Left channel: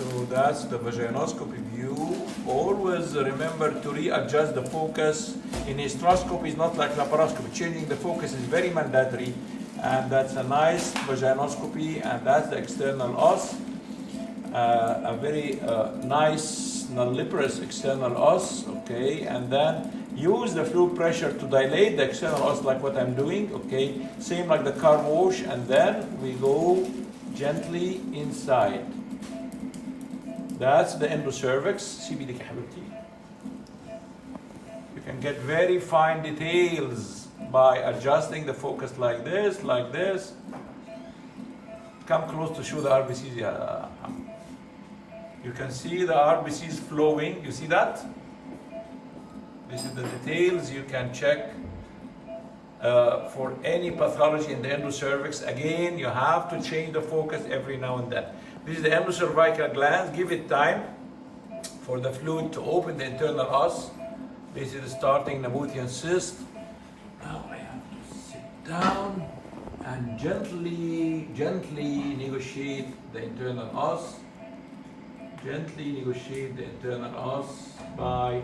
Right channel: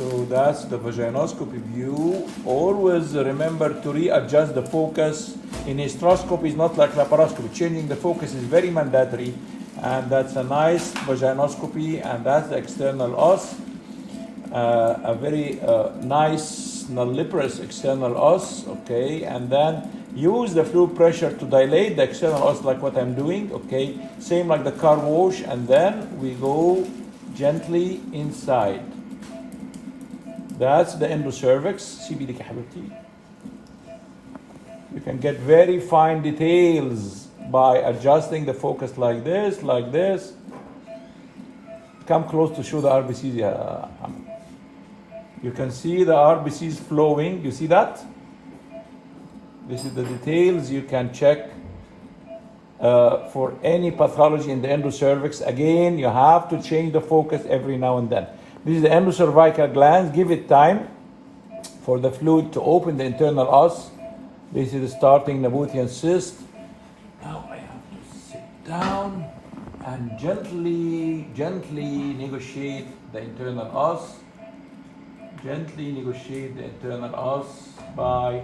So that's the vaginoscopy view. Always remember to readjust the focus. In hysteroscopy is not like laparoscopy. Changing the focus is very mandatory. And that's a nice vaginoscopy, and that's the external os. A very nice nulliparous external os, okay? And then use the fluid pressure to dilate the external os like what I'm doing, okay? Same like the car wash, and then we go gently inside. That's the endocervix. سيبي لك يا حبيبتي. You can get very fine details by adjusting the focus like this, like this. Come close to show the RBCs. Yeah. You can see the RBCs flowing. You see that? This is the details you can check for any pathology in the endocervix. Again, you have to change the focus every now and then. This is the endocervical glands. Give it time for the fluid to open the internal os. This is the starting Nabuthian cyst. Now I have to sit down and gently negotiate the internal os. Gently negotiate the internal os by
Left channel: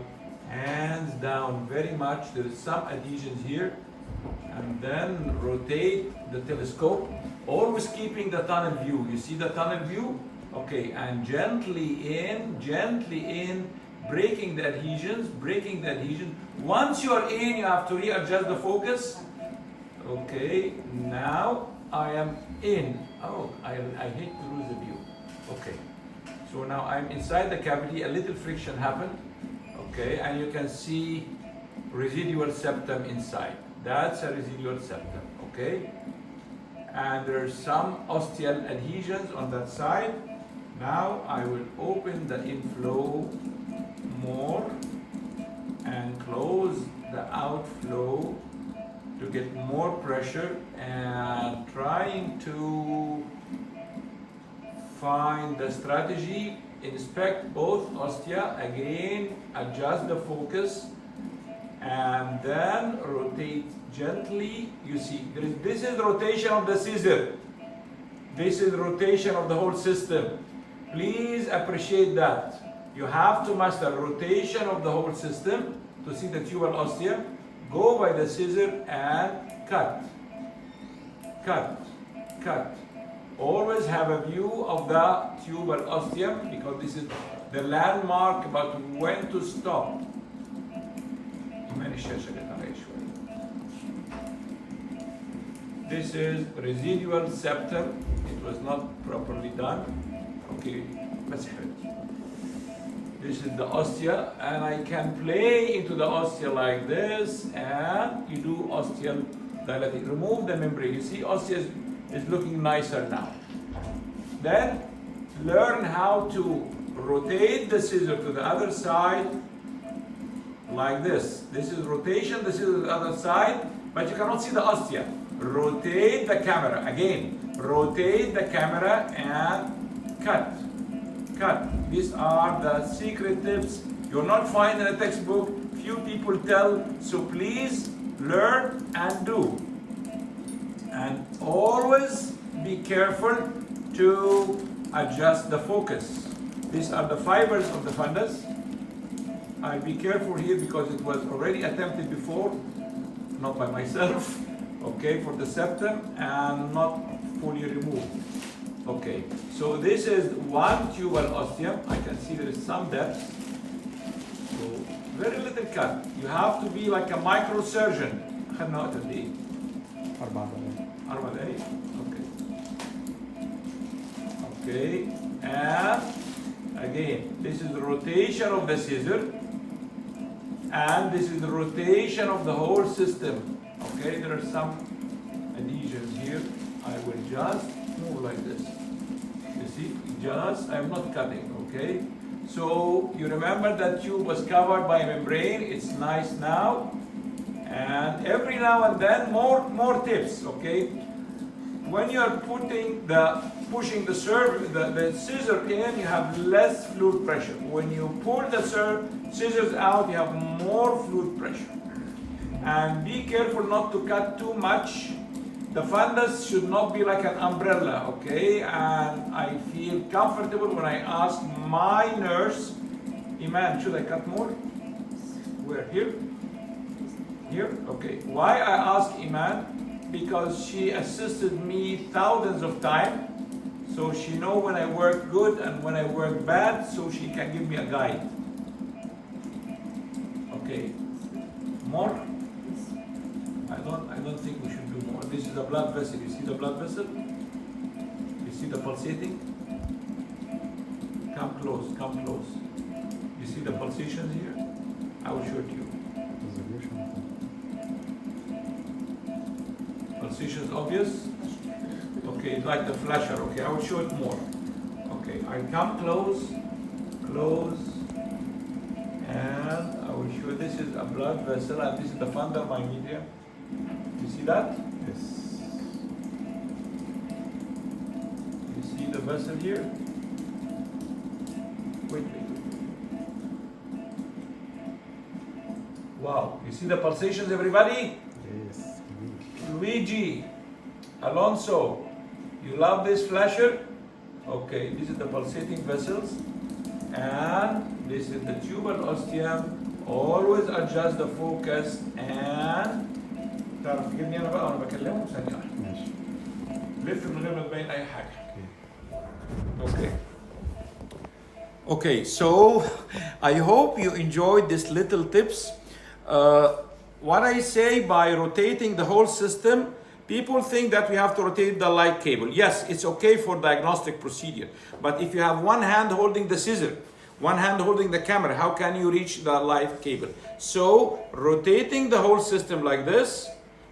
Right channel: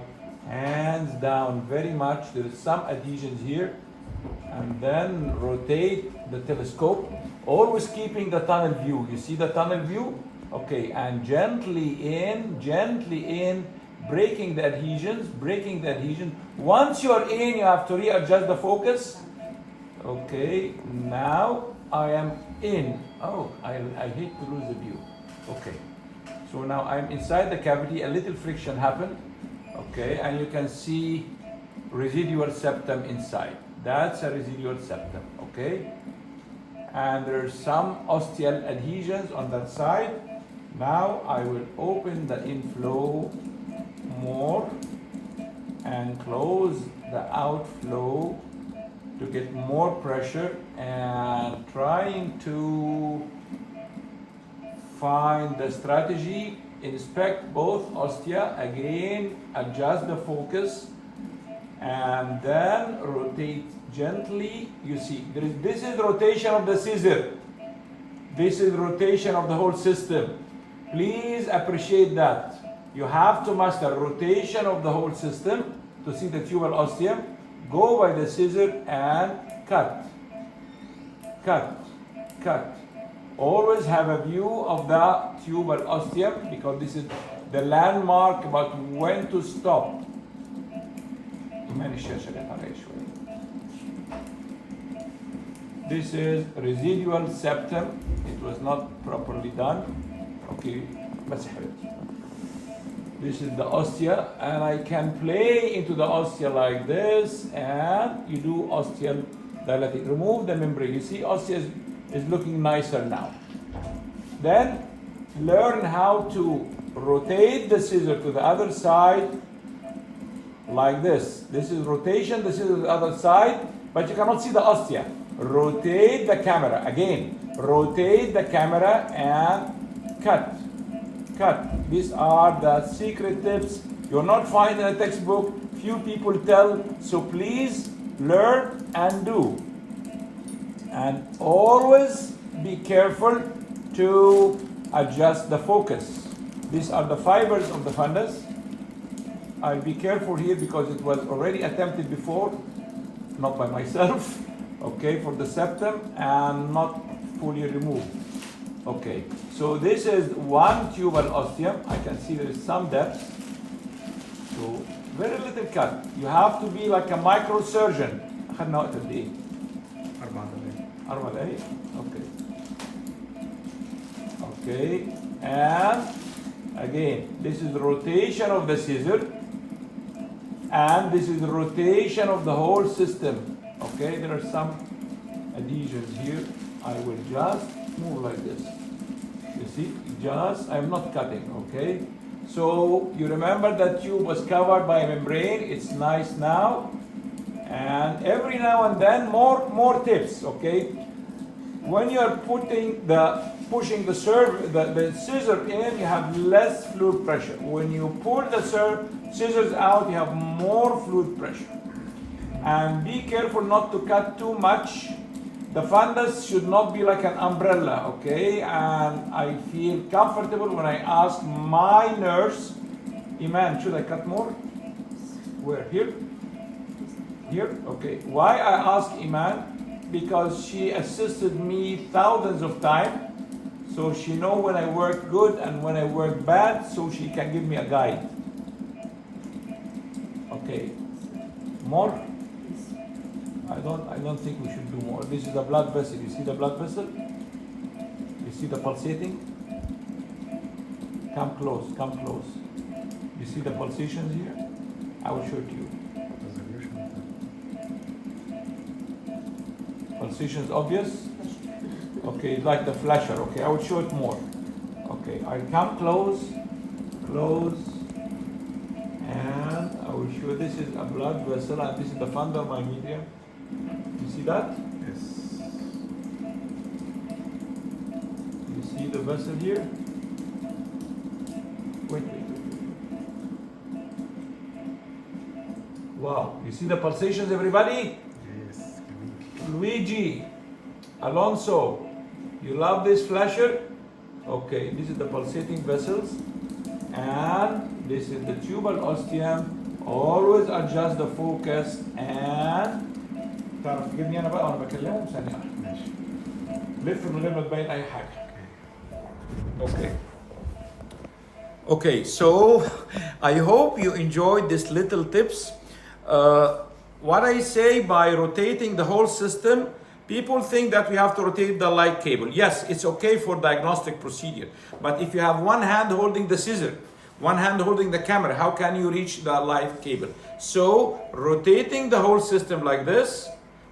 hands down very much. There is some adhesions here. And then rotate the telescope, always keeping the tunnel view. You see the tunnel view? Okay, and gently in, breaking the adhesions, Once you're in, you have to readjust the focus. Okay, now I am in. Oh, I hate to lose the view. Okay, so now I'm inside the cavity, a little friction happened. Okay, and you can see residual septum inside. That's a residual septum, okay? And there's some ostial adhesions on that side. Now I will open the inflow more and close the outflow to get more pressure, and trying to find the strategy. Inspect both ostia, again adjust the focus, and then rotate gently. You see, this is rotation of the scissor. This is rotation of the whole system. Please appreciate that. You have to master rotation of the whole system to see the tubal ostium. Go by the scissor and cut. Always have a view of the tubal ostium, because this is the landmark about when to stop. This is residual septum. It was not properly done. Okay, this is the ostia, and I can play into the ostia like this, and you do ostial dilating. Remove the membrane. You see, ostia is looking nicer now. Then learn how to rotate the scissor to the other side like this. This is rotation, this is the other side, but you cannot see the ostia. Rotate the camera. Again, rotate the camera and cut. These are the secret tips you'll not find in a textbook. Few people tell, so please learn and do. And always be careful to adjust the focus. These are the fibers of the fundus. I'll be careful here because it was already attempted before, not by myself, okay, for the septum, and not fully removed. Okay, so this is one tubal ostium. I can see there is some depth. So very little cut. You have to be like a microsurgeon. Okay, and again, this is the rotation of the scissor, and this is the rotation of the whole system. Okay, there are some adhesions here. I will just move like this. You see, I'm not cutting, okay? So you remember that tube was covered by a membrane. It's nice now. And every now and then, more tips, okay? When you're pushing the scissor in, you have less fluid pressure. When you pull the scissors out, you have more fluid pressure. And be careful not to cut too much, The fundus should not be like an umbrella, okay? And I feel comfortable when I ask my nurse, Iman, should I cut more? Where? Here? Here? Okay. Why I ask Iman? Because she assisted me thousands of times. So she know when I work good and when I work bad, so she can give me a guide. Okay. More? I don't think we should do more. This is the blood vessel. You see the blood vessel? You see the pulsating? Come close, come close. You see the pulsations here? I will show it to you. Pulsations obvious? Okay, like the flasher. Okay, I will show it more. Okay, I come close, close, and I will show this is a blood vessel and this is the fundus medium. You see that? Yes. You see the vessel here? Wait. Wow, you see the pulsations, everybody? Yes. Luigi, Alonso, you love this flasher? Okay, this is the pulsating vessels, and this is the tubal ostium. Always adjust the focus and تعرف تجيبني انا بقى وانا بكلمه ثانية واحدة. ماشي. لف من غير ما تبين أي حاجة. Okay. Okay, so I hope you enjoyed this little tips. What I say by rotating the whole system, people think that we have to rotate the light cable. Yes, it's okay for diagnostic procedure. But if you have one hand holding the scissor, one hand holding the camera, how can you reach the light cable? So rotating the whole system like this,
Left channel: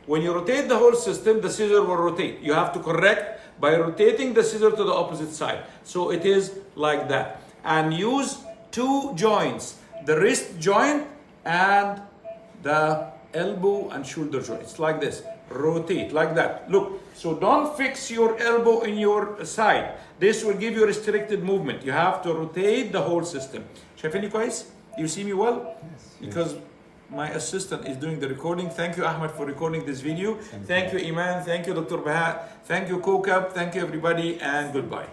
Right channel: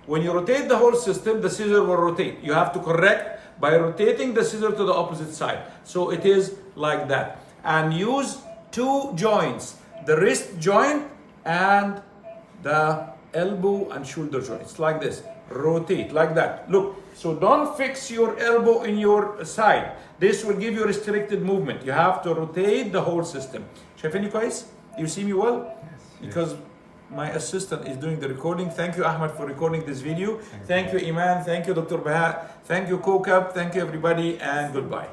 when you rotate the whole system, the scissor will rotate. You have to correct by rotating the scissor to the opposite side. So it is like that. And use two joints, the wrist joint and the elbow and shoulder joints, like this. Rotate like that. Look, so don't fix your elbow in your side. This will give you restricted movement. You have to rotate the whole system. شايفيني كويس? You see me well? Yes. Because my assistant is doing the recording. Thank you, Ahmed, for recording this video. Thank you, Iman. Thank you, Dr. Baha. Thank you, Kokab. Thank you, everybody, and goodbye.